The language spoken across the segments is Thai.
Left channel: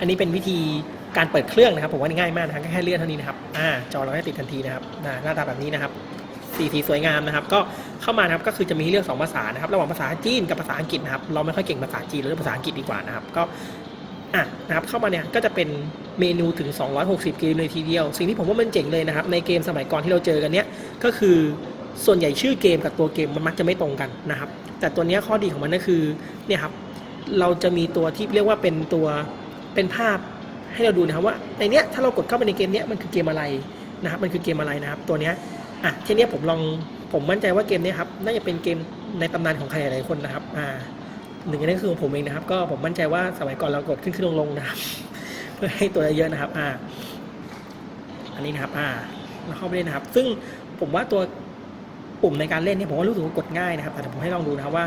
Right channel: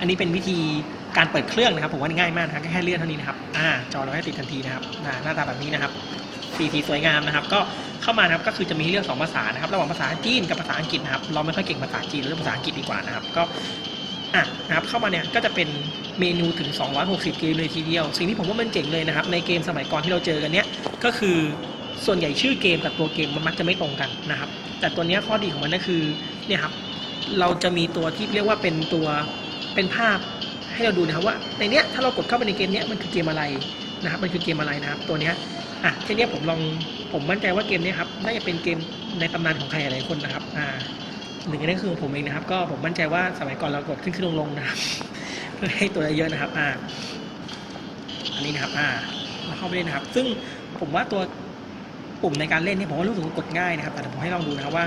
อันนี้เป็นวิธีการเปิดเครื่องนะครับ ผมว่าง่ายมากนะครับแค่เลื่อนเท่านี้นะครับอ่าจอเราให้ติดทันทีนะครับหน้าตาแบบนี้นะครับสีสีสวยงามนะครับ ก็เข้ามานะครับก็คือจะมีเลือกสองภาษานะครับ ระหว่างภาษาจีนกับภาษาอังกฤษนะครับ เราไม่ค่อยเก่งภาษาจีนหรือภาษาอังกฤษดีกว่านะครับ ก็อะนะครับเข้ามาเนี่ยก็จะเป็นเมนูถึง 260 เกมเลยทีเดียว สิ่งที่ผมว่ามันเจ๋งเลยนะครับ ในเกมสมัยก่อนที่เราเจอกันเนี้ยก็คือส่วนใหญ่ชื่อเกมกับตัวเกมมันมักจะไม่ตรงกันนะครับ แต่ตัวเนี้ยข้อดีของมันก็คือเนี่ยครับเราจะมีตัวที่เรียกว่าเป็นตัว เป็นภาพให้เราดูนะครับว่าในเนี้ยถ้าเรากดเข้าไปในเกมเนี้ยมันคือเกมอะไรนะครับมันคือเกมอะไรนะครับ ตัวเนี้ยอะทีเนี้ยผมลองผมมั่นใจว่าเกมเนี้ยครับน่าจะเป็นเกมในตำนานของใครหลายคนนะครับอ่าหนึ่งในนั้นคือของผมเองนะครับ ก็ผมมั่นใจว่าสมัยก่อนเรากดขึ้นขึ้นลงลงนะครับเพื่อให้ตัวเยอะนะครับอ่าอันนี้นะครับอ่าเราเข้าไปเล่นนะครับ ซึ่งผมว่าตัวปุ่มในการเล่นเนี่ยผมว่ารู้สึกว่ากดง่ายนะครับ แต่ผมให้ลองดูนะครับว่า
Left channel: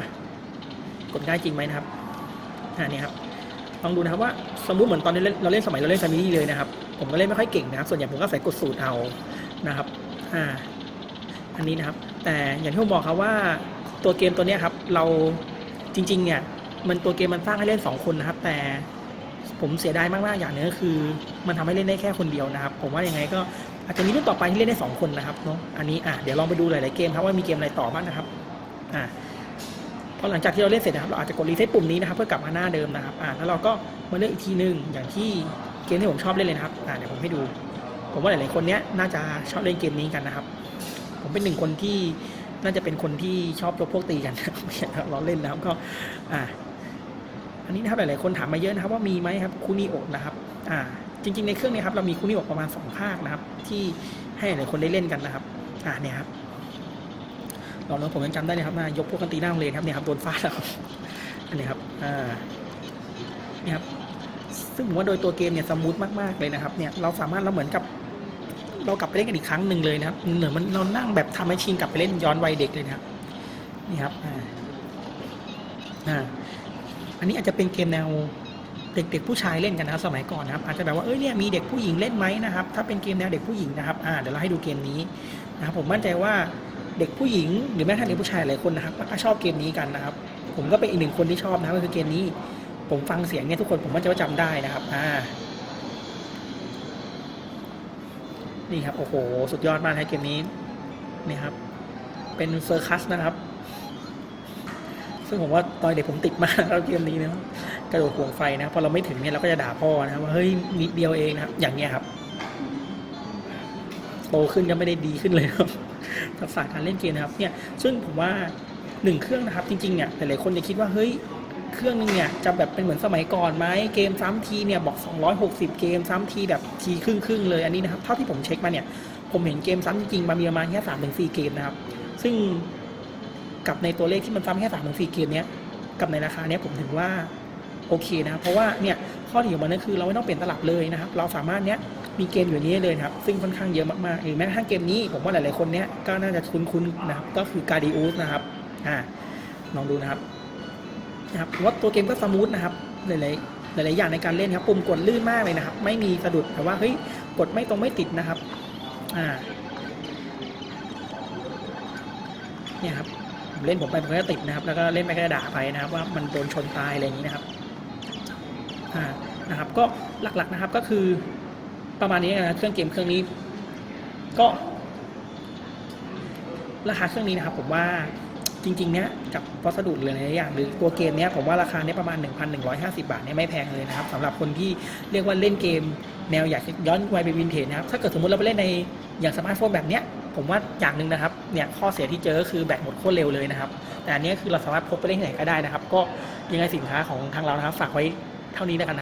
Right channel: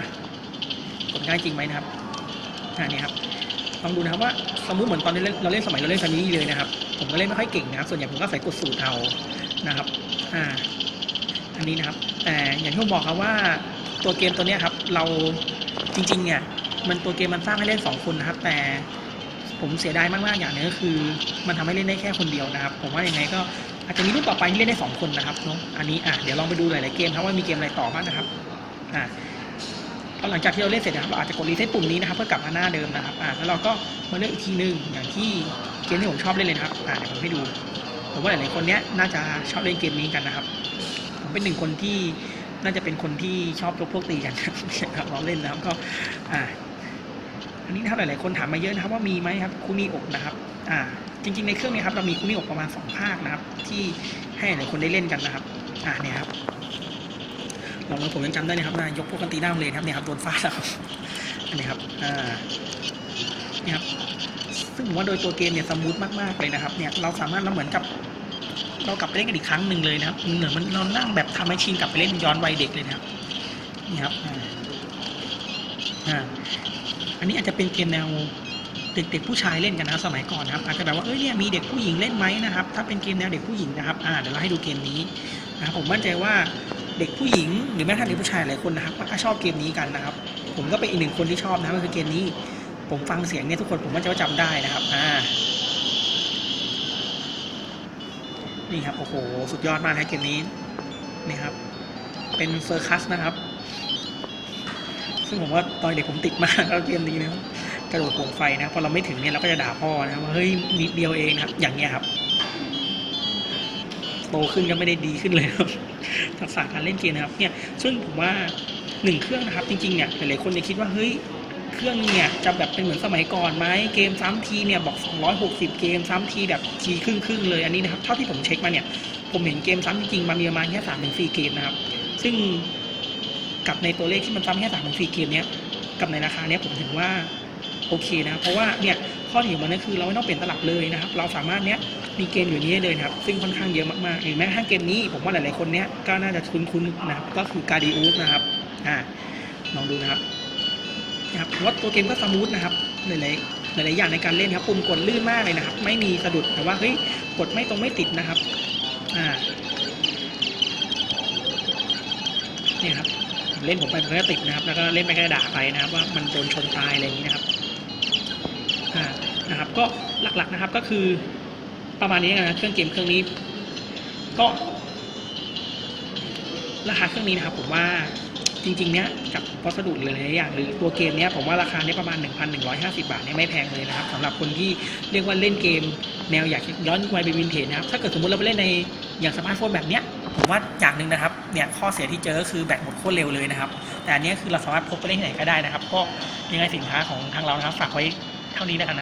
กดง่ายจริงไหมนะครับอ่าเนี่ยครับ ลองดูนะครับว่าสมมติเหมือนตอนนี้เราเล่นสมัยเราเล่นซามิเลยนะครับ ผมก็เล่นไม่ค่อยเก่งนะครับ ส่วนใหญ่ผมก็ใส่กดสูตรเอานะครับอ่าอันนี้นะครับ แต่อย่างที่ผมบอกครับว่าตัวเกมตัวนี้ครับ เราจริงๆเนี่ยมันตัวเกมมันสร้างให้เล่น 2 คนนะครับ แต่ผมเสียดายมากๆอย่างหนึงก็คือ มันทำให้เล่นได้แค่คนเดียวนะครับ ผมว่ายังไงก็อาจจะมีรุ่นต่อไปที่เล่นได้ 2 คนนะครับเนาะอันนี้อะเดี๋ยวลองไปดูหลายๆเกมครับว่ามีเกมอะไรต่อบ้างนะครับอ่า พอหลังจากที่เราเล่นเสร็จนะครับเราอาจจะกดรีเซ็ตปุ่มนี้นะครับเพื่อกลับมาหน้าเดิมนะครับอ่าแล้วเราก็มาเลือกอีกทีหนึ่งอย่างที่เกมที่ผมชอบเล่นเลยนะครับอ่าเดี๋ยวผมให้ดู ผมว่าหลายๆคนเนี้ยน่าจะชอบเล่นเกมนี้กันนะครับ ผมเป็นหนึ่งคนที่น่าจะเป็นคนที่ชอบยกพวกตีกันครับเราเล่นนะครับก็อ่าอันนี้นะครับหลายๆคนถามมาเยอะนะครับว่ามีไหมครับคูมิอกนะครับอ่าจริงๆในเครื่องนี้ครับเรามีคูมิอกประมาณสองภาคนะครับที่ให้หลายคนได้เล่นกันนะครับอ่าเนี่ยครับ ลองดูผมยังจำได้เลยครับนะยกพวกกันตีหน้าโรงเรียนครับเนี่ยครับโดนฟาดแล้วครับนนี้ครับอ่าเนี่ยครับซึ่งผมว่าโดยตัวเกมเนี่ยสมูทมากๆเลยนะครับเนี่ยเราสามารถเราเหมือนกับเรากลับไปเล่นกันอีกครั้งหนึ่งเลยนะครับเหมือนมันเรานั่งแบบทำให้ชินกลับไปเล่นย้อนวัยเด็กเลยนะครับนี่ครับอ่าอันนี้อาจจะเป็นเกมแนวเด็กๆผู้ชายเล่นกันนะสมัยก่อนนะครับอาจจะแบบว่าเอ้ยเนี่ยมีเด็กผู้หญิงเล่นไหมนะครับถ้าเป็นเกมแนวเด็กผู้หญิงนะครับอ่าเดี๋ยวเราให้ดูเกมนี้นะครับผมมั่นใจว่า เด็กผู้หญิงหรือแม้กระทั่งเด็กผู้ชายหลายคนนะครับก็ชอบเกมนี้กันนะครับ ผมก็เป็นอีกหนึ่งคนที่ชอบนะครับก็คือเกมนี้ ผมฟังเสียงเนี่ยทุกคนผมมั่นใจว่าจำได้นะครับอ่านี่ครับโอ้โหสุดยอดมากครับเกมนี้นี่ครับ เป็นเซอร์คัสนะครับ ซึ่งผมว่าตอนเด็กผมติดมากแล้วเกมนี้นะกระโดดห่วงไฟนะพอเราไม่ถึงเนี่ยเราก็จะด่าพ่อนะว่าเฮ้ยนิดเดียวเองนะอย่างเงี้ยครับ โตขึ้นก็ไม่ได้ดีขึ้นเลยครับ ทักษะการเล่นเกมนะครับเนี่ยซึ่งผมว่าหนึ่งเครื่องนะครับจริงๆเนี่ยหลายๆคนจะคิดว่าเฮ้ยเครื่องเนี่ยจะแบบเป็นเหมือนสมัยก่อนไหมเกมซ้ำทีเนี่ยบอก 260 เกมซ้ำทีแบบทีครึ่งครึ่งๆเลยอันนี้นะครับเท่าที่ผมเช็คมาเนี่ยผมเห็นเกมซ้ำจริงๆมันมีประมาณแค่สามถึงสี่เกมนะครับ ซึ่งกับในตัวเลขที่มันซ้ำแค่สามถึงสี่เกมเนี้ยกับในราคาเนี้ยผมถือว่า โอเคนะ เพราะว่าเนี่ยข้อดีของมันก็คือเราไม่ต้องเปลี่ยนตลับเลยนะครับ เราสามารถเนี้ยมีเกมอยู่นี้เลยนะครับ ซึ่งค่อนข้างเยอะมากๆหรือแม้กระทั่งเกมนี้ผมว่าหลายๆคนเนี้ยก็น่าจะคุ้นๆนะครับก็คือการดิอูสนะครับอ่าลองดูนะครับนะครับว่าตัวเกมก็สมูทนะครับหลายๆหลายๆอย่างในการเล่นครับปุ่มกดลื่นมากเลยนะครับ ไม่มีสะดุดแต่ว่าเฮ้ยกดไม่ตรงไม่ติดนะครับอ่าเนี่ยครับเล่นผมไปมันก็ติดนะครับ แล้วก็เล่นไปก็ด่าไปนะครับ ว่ามันโดนชนตายอะไรอย่างนี้นะครับ ก็หลักๆนะครับ ก็คือประมาณนี้นะเครื่องเกมเครื่องนี้ ก็ ราคาเครื่องนี้นะครับ ผมว่าจริงๆเนี้ยกับวัสดุหรืออะไรอย่างหรือตัวเกมเนี้ยผมว่าราคาเนี้ยประมาณ 1,150 บาทเนี่ยไม่แพงเลยนะครับสำหรับคนที่เรียกว่าเล่นเกม แนวอยากย้อนวัยไปวินเทจนะครับถ้าเกิดสมมติเราไปเล่นในอย่างสมาร์ทโฟนแบบเนี้ยผมว่าอย่างหนึ่งนะครับเนี่ยข้อเสียที่เจอคือแบตหมดโคตรเร็วเลยนะครับ แต่อันนี้คือเราสามารถพกไปเล่นที่ไหนก็ได้นะครับ ก็ยังไงสินค้าของทางเรานะครับฝากไว้เท่านี้แล้วกัน